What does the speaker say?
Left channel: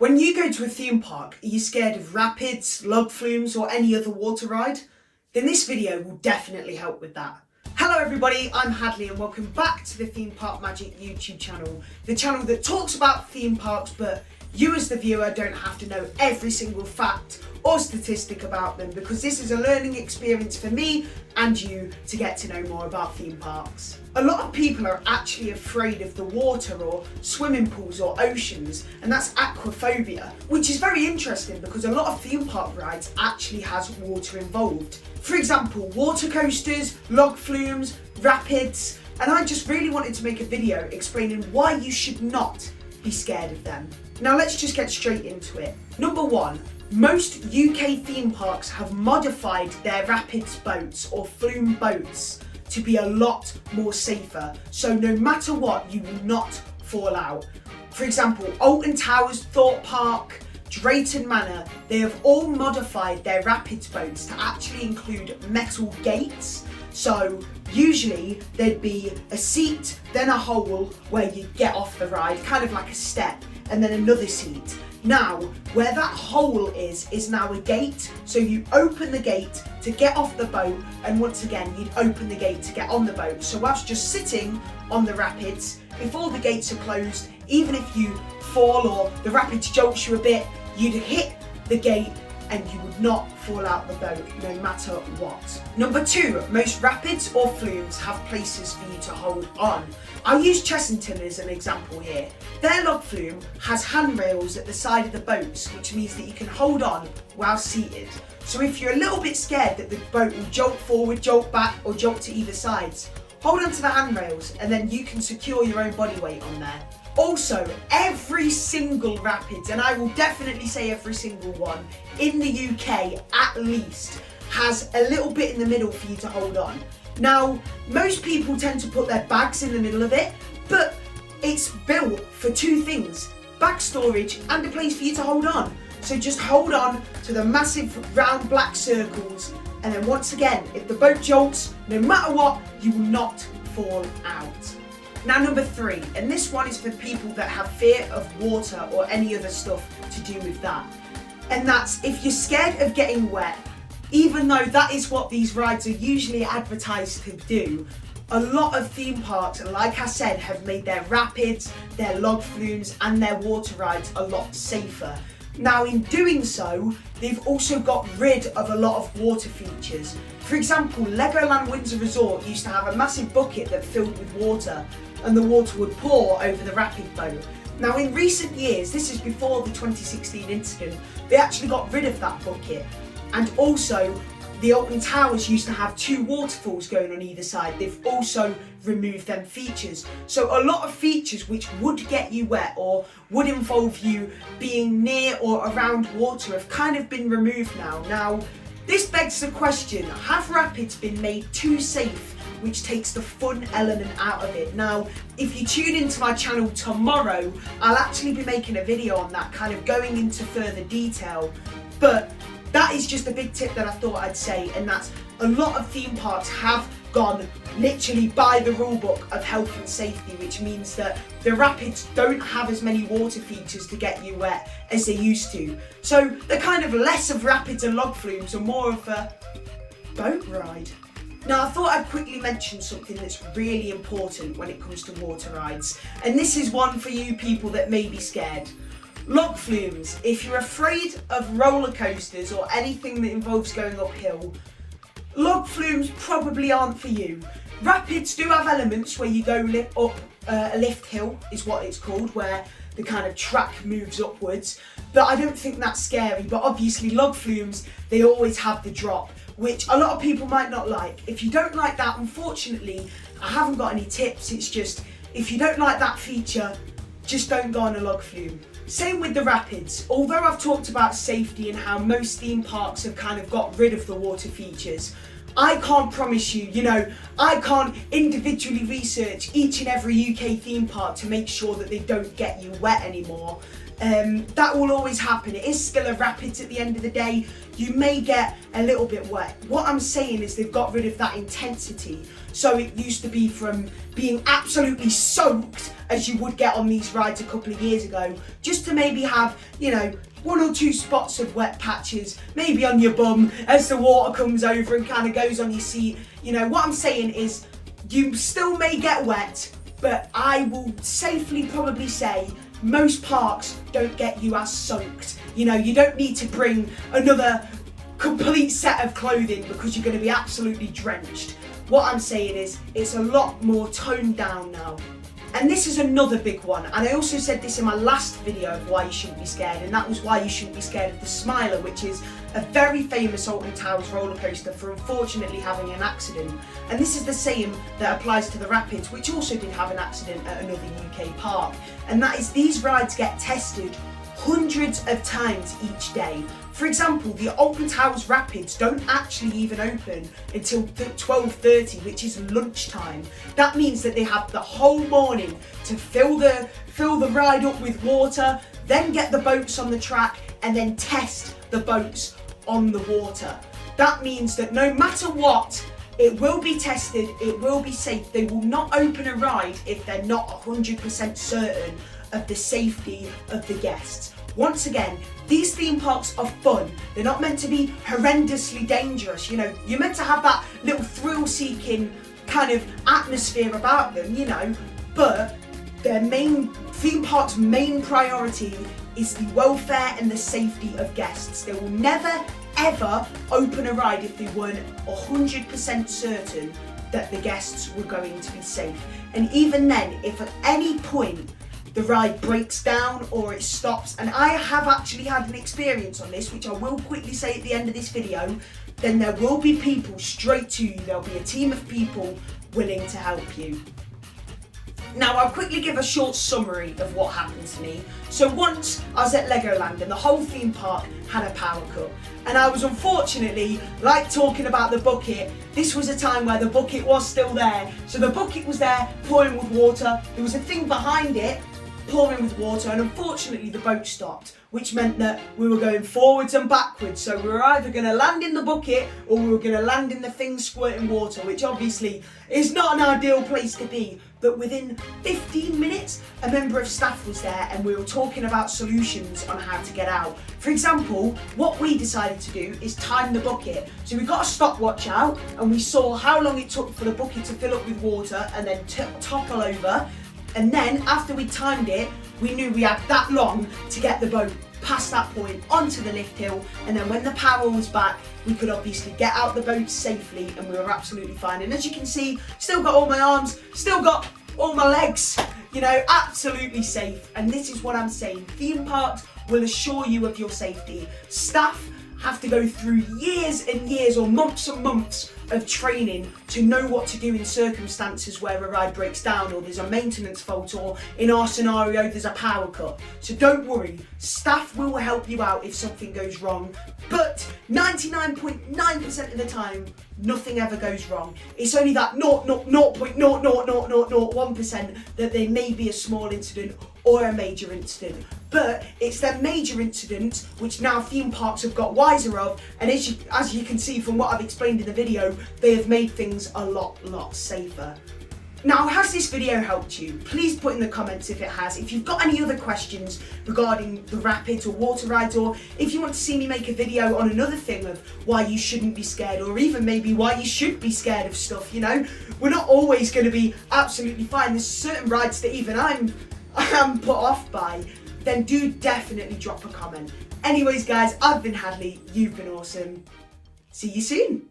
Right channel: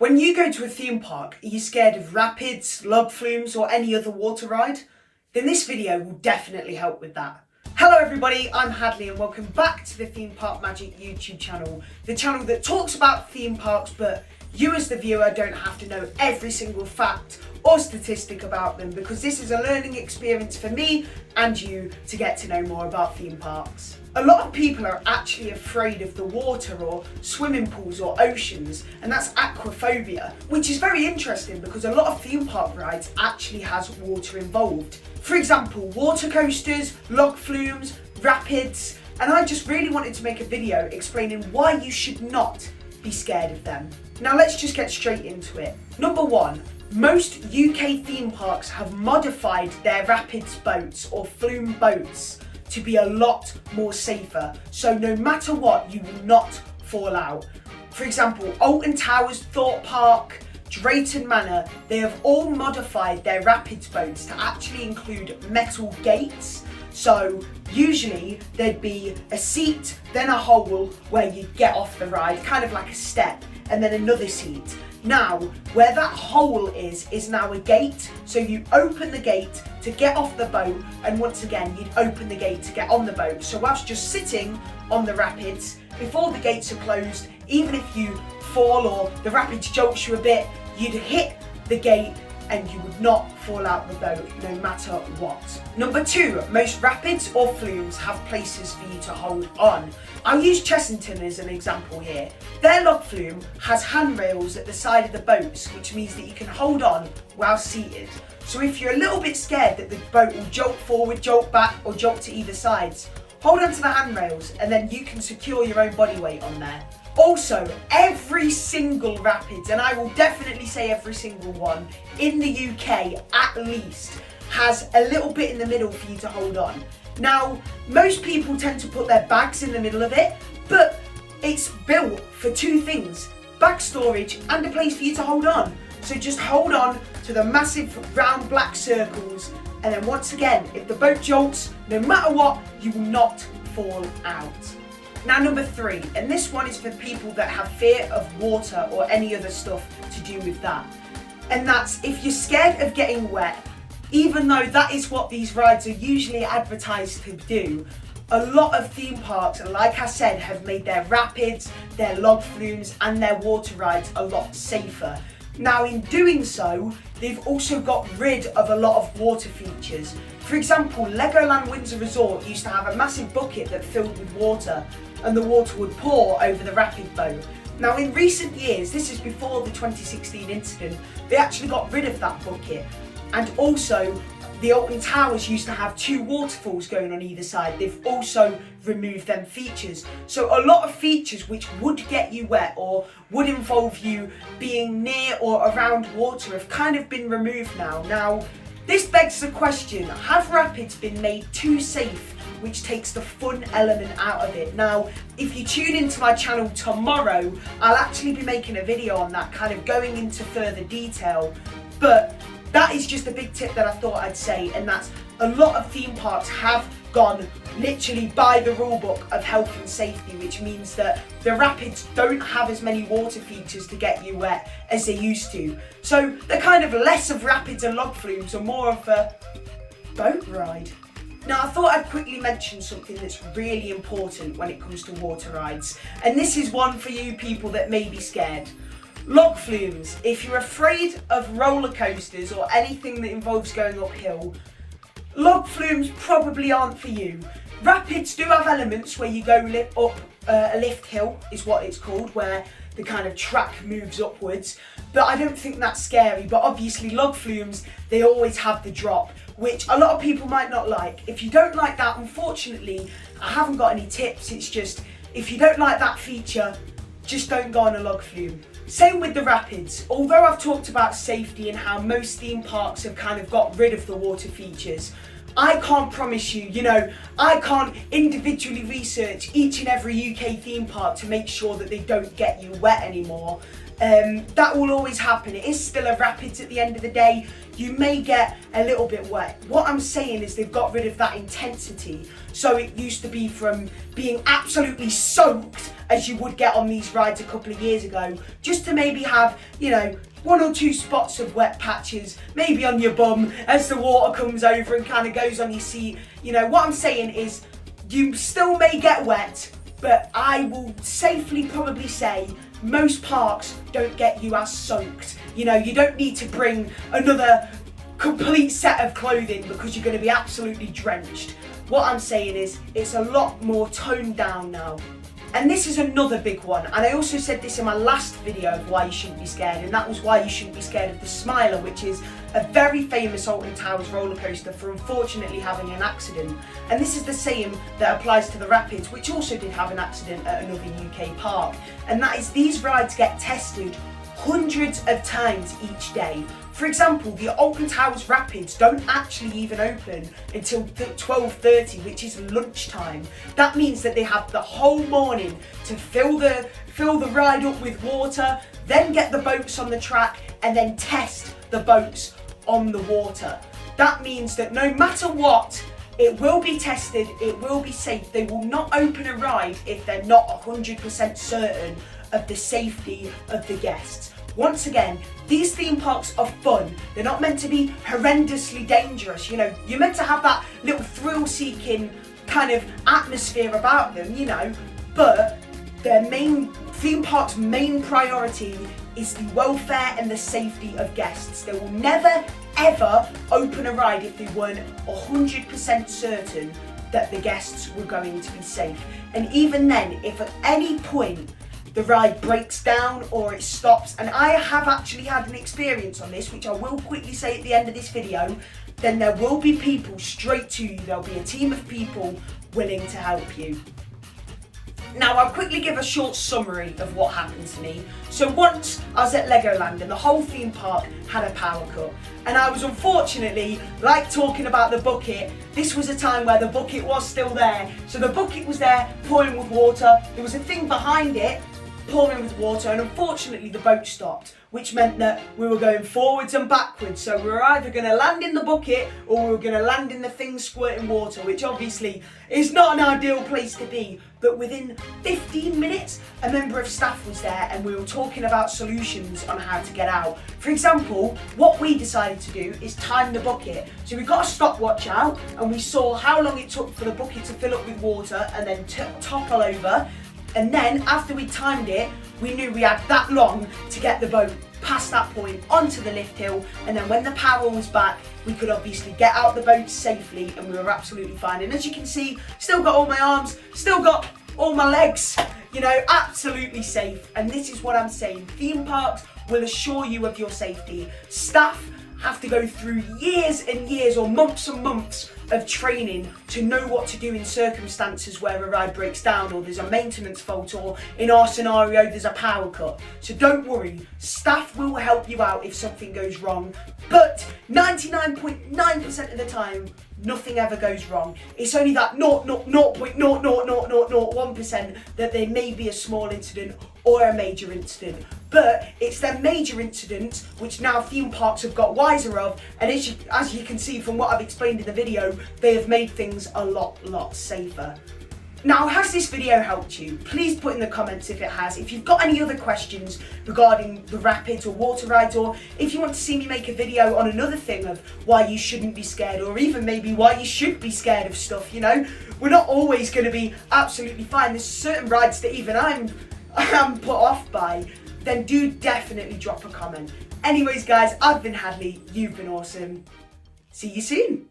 When you go to a theme park, are you scared of rapids, log flumes or any other water ride? Then this video will definitely help with that. Hello everybody, I'm Hadley and welcome back to the Theme Park Magic YouTube channel. The channel that talks about theme parks but you as the viewer don't have to know every single fact or statistic about them, because this is a learning experience for me and you to get to know more about theme parks. A lot of people are actually afraid of the water or swimming pools or oceans, and that's aquaphobia, which is very interesting because a lot of theme park rides actually has water involved. For example, water coasters, log flumes, rapids, and I just really wanted to make a video explaining why you should not be scared of them. Now let's just get straight into it. Number one, most UK theme parks have modified their rapids boats or flume boats to be a lot more safer, so no matter what you will not fall out. For example, Alton Towers, Thorpe Park, Drayton Manor, they have all modified their rapids boats to actually include metal gates. So usually there'd be a seat, then a hole where you get off the ride, kind of like a step, and then another seat. Now, where that hole is now a gate, so you open the gate to get off the boat, and once again you'd open the gate to get on the boat. So whilst just sitting on the rapids, before the gates are closed, even if you fall or the rapids jolts you a bit, you'd hit the gate and you would not fall out the boat, no matter what. Number two, most rapids or flumes have places for you to hold on. I'll use Chessington as an example here. Their log flume has handrails at the side of the boats, which means that you can hold on while seated. So if you're a little bit scared that the boat will jolt forward, jolt back, or jolt to either sides, hold onto the handrails and then you can secure your own body weight on there. Also, every single rapids, and I will definitely say every single one, in the UK at least, has a little bit in the middle for you to hold on. Now, most people tend to put their bags in the middle of it, but it's built for two things: bag storage and a place for you to hold on. So just hold on to the massive round black circles, and then once again, if the boat jolts, no matter what, you will not fall out. Now number three, and this one is for people that have fear of water or any other stuff to do with that. And that's if you're scared of getting wet, even though that is what these rides are usually advertised to do, a lot of theme parks, like I said, have made their rapids, their log flumes and their water rides a lot safer. Now in doing so, they've also got rid of a lot of water features. For example, Legoland Windsor Resort used to have a massive bucket that filled with water and the water would pour over the rapid boat. Now in recent years, this is before the 2016 incident, they actually got rid of that bucket. And also, the Alton Towers used to have two waterfalls going on either side. They've also removed them features. So a lot of features which would get you wet or would involve you being near or around water have kind of been removed now. Now, this begs the question, have rapids been made too safe, which takes the fun element out of it? Now, if you tune into my channel tomorrow, I'll actually be making a video on that, kind of going into further detail. But that is just a big tip that I thought I'd say, and that's a lot of theme parks have gone literally by the rule book of health and safety, which means that the rapids don't have as many water features to get you wet as they used to. So they're kind of less of rapids and log flumes and more of a boat ride. Now I thought I'd quickly mention something that's really important when it comes to water rides, and this is one for you people that may be scared. Log flumes. If you're afraid of roller coasters or anything that involves going uphill, log flumes probably aren't for you. Rapids do have elements where you go up a lift hill, is what it's called, where the kind of track moves upwards, but I don't think that's scary. But obviously log flumes, they always have the drop, which a lot of people might not like. If you don't like that, unfortunately, I haven't got any tips. It's just, if you don't like that feature, just don't go on a log flume. Same with the rapids. Although I've talked about safety and how most theme parks have kind of got rid of the water features, I can't promise you, I can't individually research each and every UK theme park to make sure that they don't get you wet anymore. That will always happen. It is still a rapids at the end of the day. You may get a little bit wet. What I'm saying is they've got rid of that intensity. So it used to be from being absolutely soaked as you would get on these rides a couple of years ago, just to maybe have, you know, 1 or 2 spots of wet patches, maybe on your bum as the water comes over and kind of goes on your seat. You know, what I'm saying is you still may get wet, but I will safely probably say most parks don't get you as soaked. You know, you don't need to bring another complete set of clothing because you're going to be absolutely drenched. What I'm saying is it's a lot more toned down now. And this is another big one, and I also said this in my last video of why you shouldn't be scared, and that was why you shouldn't be scared of the Smiler, which is a very famous Alton Towers roller coaster for unfortunately having an accident. And this is the same that applies to the Rapids, which also did have an accident at another UK park. And that is these rides get tested hundreds of times each day. For example, the Alton Towers Rapids don't actually even open until 12:30, which is lunchtime. That means that they have the whole morning to fill the ride up with water, then get the boats on the track, and then test the boats on the water. That means that no matter what, it will be tested, it will be safe. They will not open a ride if they're not 100% certain of the safety of the guests. Once again, these theme parks are fun. They're not meant to be horrendously dangerous. You know, you're meant to have that little thrill-seeking kind of atmosphere about them, you know, but their theme park's main priority is the welfare and the safety of guests. They will never, ever open a ride if they weren't 100% certain that the guests were going to be safe. And even then, if at any point the ride breaks down or it stops, and I have actually had an experience on this, which I will quickly say at the end of this video, then there will be people straight to you. There'll be a team of people willing to help you. Now, I'll quickly give a short summary of what happened to me. So once I was at Legoland and the whole theme park had a power cut, and I was unfortunately, like talking about the bucket, this was a time where the bucket was still there. So the bucket was there pouring with water, there was a thing behind it pouring with water, and unfortunately the boat stopped, which meant that we were going forwards and backwards. So we were either going to land in the bucket or we were going to land in the thing squirting water, which obviously is not an ideal place to be. But within 15 minutes, a member of staff was there and we were talking about solutions on how to get out. For example, what we decided to do is time the bucket. So we got a stopwatch out and we saw how long it took for the bucket to fill up with water and then topple over. And then after we timed it, we knew we had that long to get the boat past that point onto the lift hill, and then when the power was back, we could obviously get out the boat safely and we were absolutely fine. And as you can see, still got all my arms, still got all my legs, you know, absolutely safe. And this is what I'm saying, theme parks will assure you of your safety. Staff have to go through years and years or months and months of training to know what to do in circumstances where a ride breaks down or there's a maintenance fault, or in our scenario there's a power cut. So don't worry, staff will help you out if something goes wrong, but 99.9% of the time nothing ever goes wrong. It's only that 0.00001% that there may be a small incident or a major incident. But it's their major incidents which now theme parks have got wiser of, and as you can see from what I've explained in the video, they have made things a lot safer. Now, has this video helped you? Please put in the comments if it has. If you've got any other questions regarding the rapids or water rides, or if you want to see me make a video on another thing of why you shouldn't be scared, or even maybe why you should be scared of stuff, you know, we're not always going to be absolutely fine. There's certain rides that even I am put off by. Then do definitely drop a comment. Anyways guys, I've been Hadley, you've been awesome. See you soon.